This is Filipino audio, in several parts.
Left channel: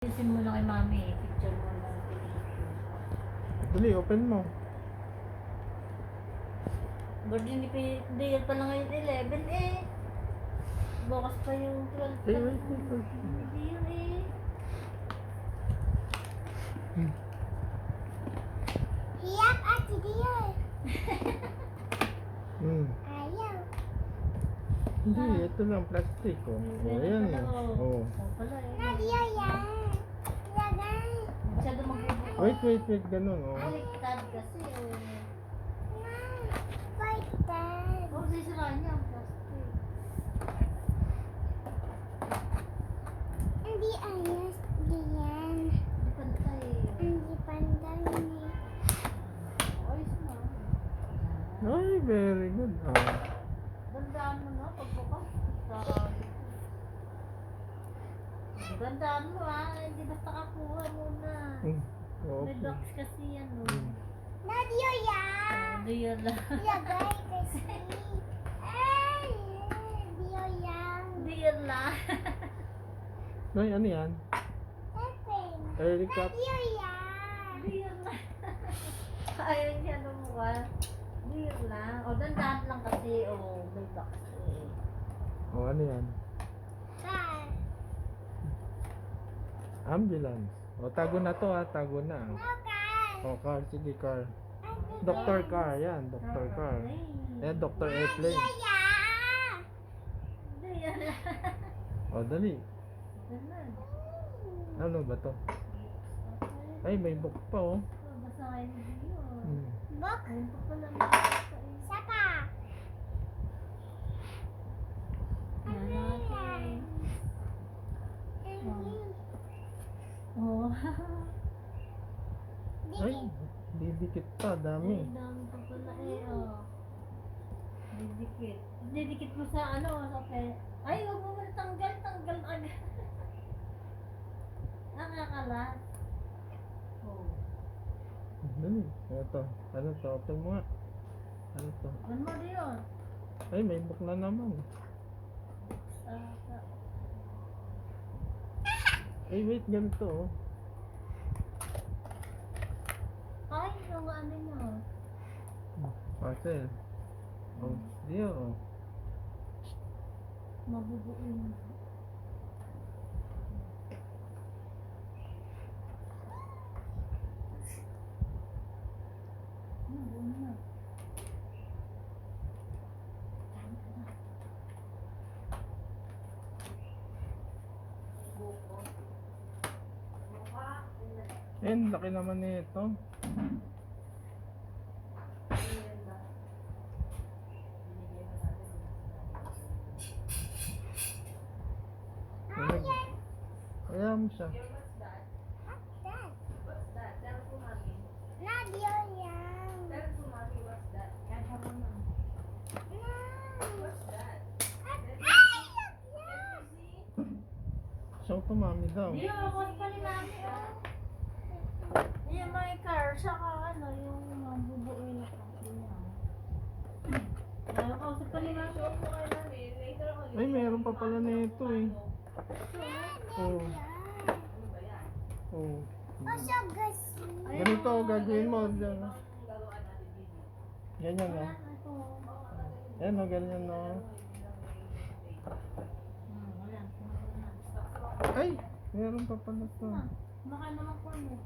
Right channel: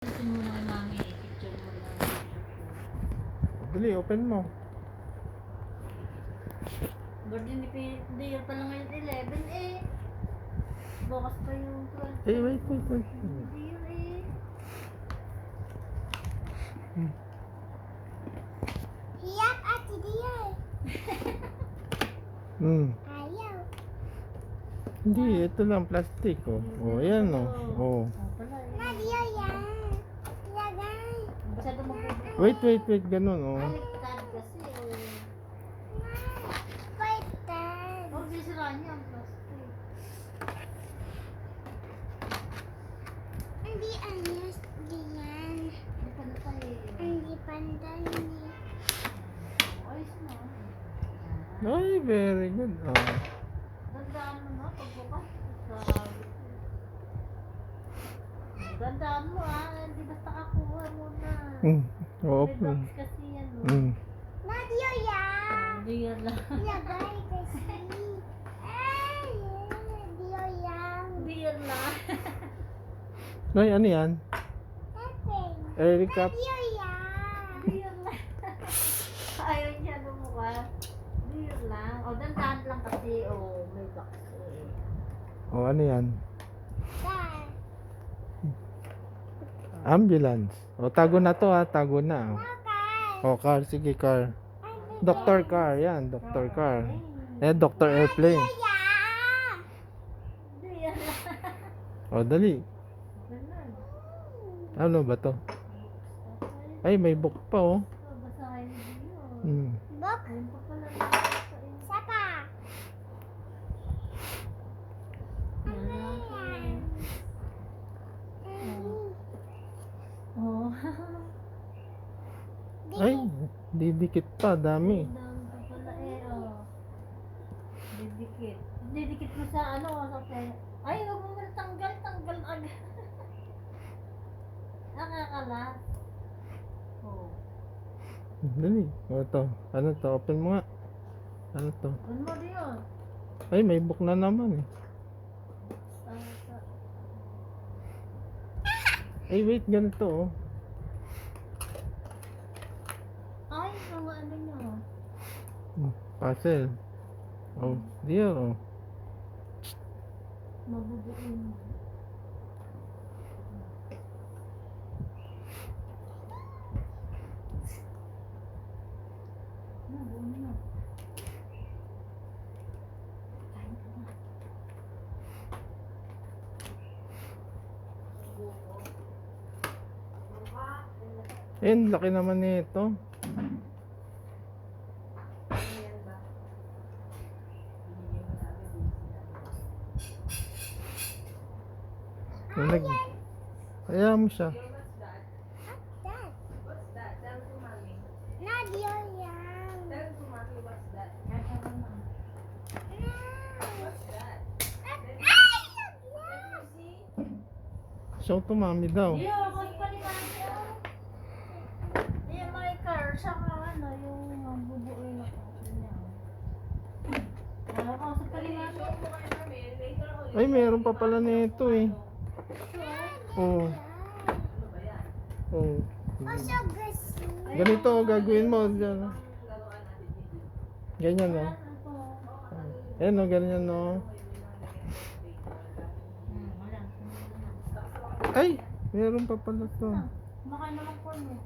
Isin mo na kay mami, picture mo na. Dali, open mo. Birthday ni Dale pa lang ngayon 11 eh. Bukas pa yung 12. Wait. Hindi yun eh. Hiyak at dia. Ayaw. Hindi, ito lang plastic, oh. Oh, yan, oh. Oh. Pala eh. Nadia yan. Lagay. Masyado magbubukas. Wait, ganun, oh. Baliktad kasi oh. Paitan. Oh, sisiraan niya ang plastic. Hindi ayos diyan. Hindi pa na tayo. Hindi pandan ni. Ayos na. Ay, very good. Oh. Dandaan mo na pagbukas. Dandaan mo hindi basta kakuha muna. Oh, May open. box kasi yan oh. Nadia yan. Hindi yan lang. Lagay kasi. Ay, Dio yan. Hindi yan lang. Ay, ano yan? Open. Erika. Nadia yan. Hindi yan lang. Ayaw niya lumukas. Hindi yan lang. O dandaan lang kasi may box eh. Oh, ano yan? Car. Ambulance. Oh, tago na to, ha. Tago na. No car. Oh, car. Sige, car. Doctor car. Yan, Doctor car. Eh, Doctor Airplane. Yeah. Hindi yan lang. Oh, dali. Ganun. Ano ba to? Ay, may book pa, oh. Basta kayo hindi yun. Book. Ayun pa pala nakakita eh. Sapa. Malaki. Oh. Ay, didikit pa. Dami. Dami pa pala eh, oh. Didikit. Didikit mo sa sa ay, huwag mo na tanggal agad. Ang akalat. Oh. Dali. Oh, ito. Ano to? Open mo nga. Ano to? Ano mo din yun? Ay, may book na naman, eh. Ay, wait. Ganito, oh. Ay, mga ano nyo. Puzzle. Oh, dear, oh. Mabubuin. Nabuo na. Eh, ang laki naman nito. Nag... Kaya mo siya. Dad. Nadia yan. Show to mami daw. Iyo, bakit ka nila ako? Yung may car, saka yung bubuin ako. Kausap pa ni mami. Ay, meron pa pala nito, eh. Oh. Oh. Oso gasi. Ganito, gagawin mo. Ganyan. Ganyan, oh. Ayan, oh, ganyan, oh. Wala. Ay, meron pa pala to. Kumakain naman corn eh.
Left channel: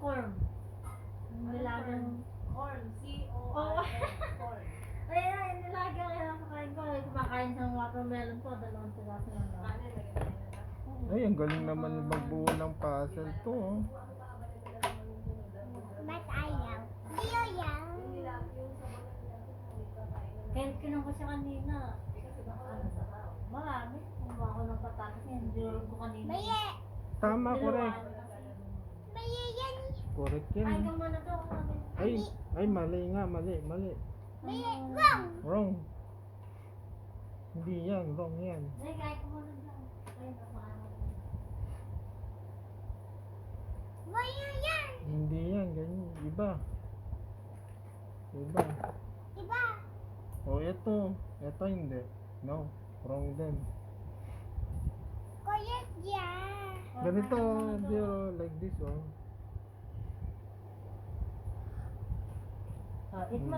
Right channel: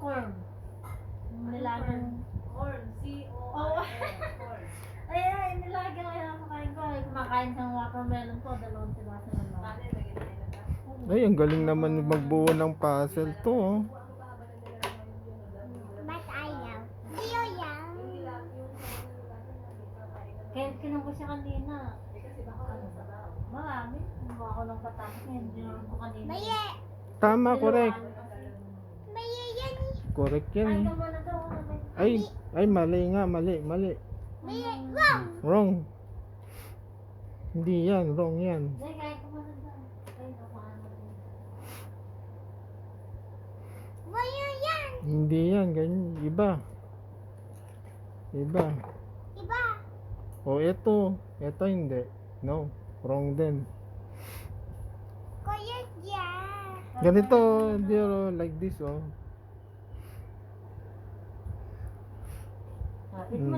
Corn. Yung nilagang... Corn. C-O-R-N. Ay, nilagang kaya kumakain ko. Kumakain sa watermelon ko. 2 piraso na lang. Ay, ang galing naman magbuo ng puzzle to, oh. Ba't ayaw? Dio yan. Kaya kinuha ko siya kanina. Marami. Kumuha ako ng patatas niya. Hindi ko kanina. Maye. Tama, correct. Maye yan. Correct Ay, yan. ikaw muna daw. Ay, mali nga, mali. Maye. Wrong. Wrong. Hindi yan, wrong yan. Hindi, kaya ko muna daw. Ay, nakuha mo. Maye yan. Hindi yan, ganyan. Iba. Iba. O, ito. Ito hindi. No, wrong din. Kuya yan. Ganito, Jiro, like this, oh. Eat mo